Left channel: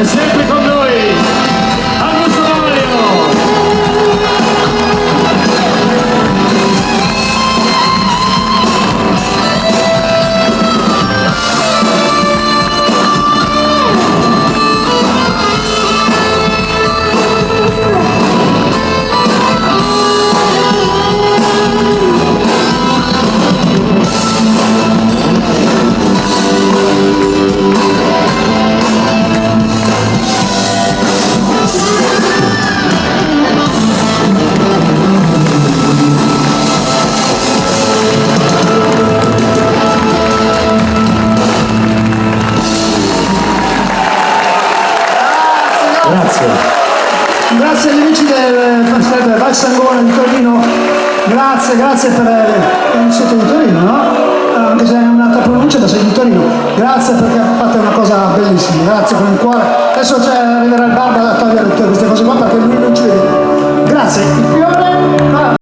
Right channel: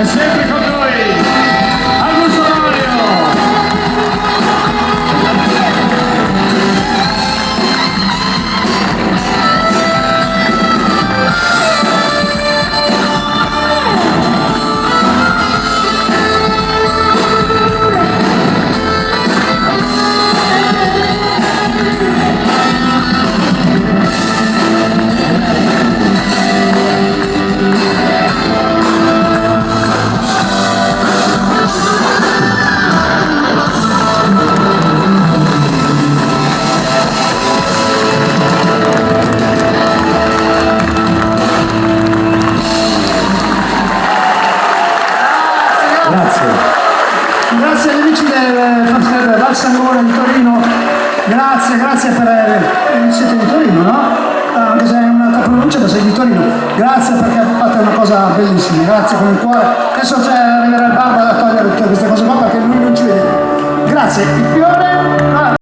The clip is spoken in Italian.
E sempre con noi Augusto Mario. Grazie agli amici del Festival Val Sangona di Torino, grazie per... siete di Torino, no? Anche se è un'altra pronuncia, ma sei di Torino. Grazie perché fate una cosa bellissima, grazie con il cuore. Adesso arriverà il barba da togliere tutte queste cose qua perché lui non ci vede. Grazie.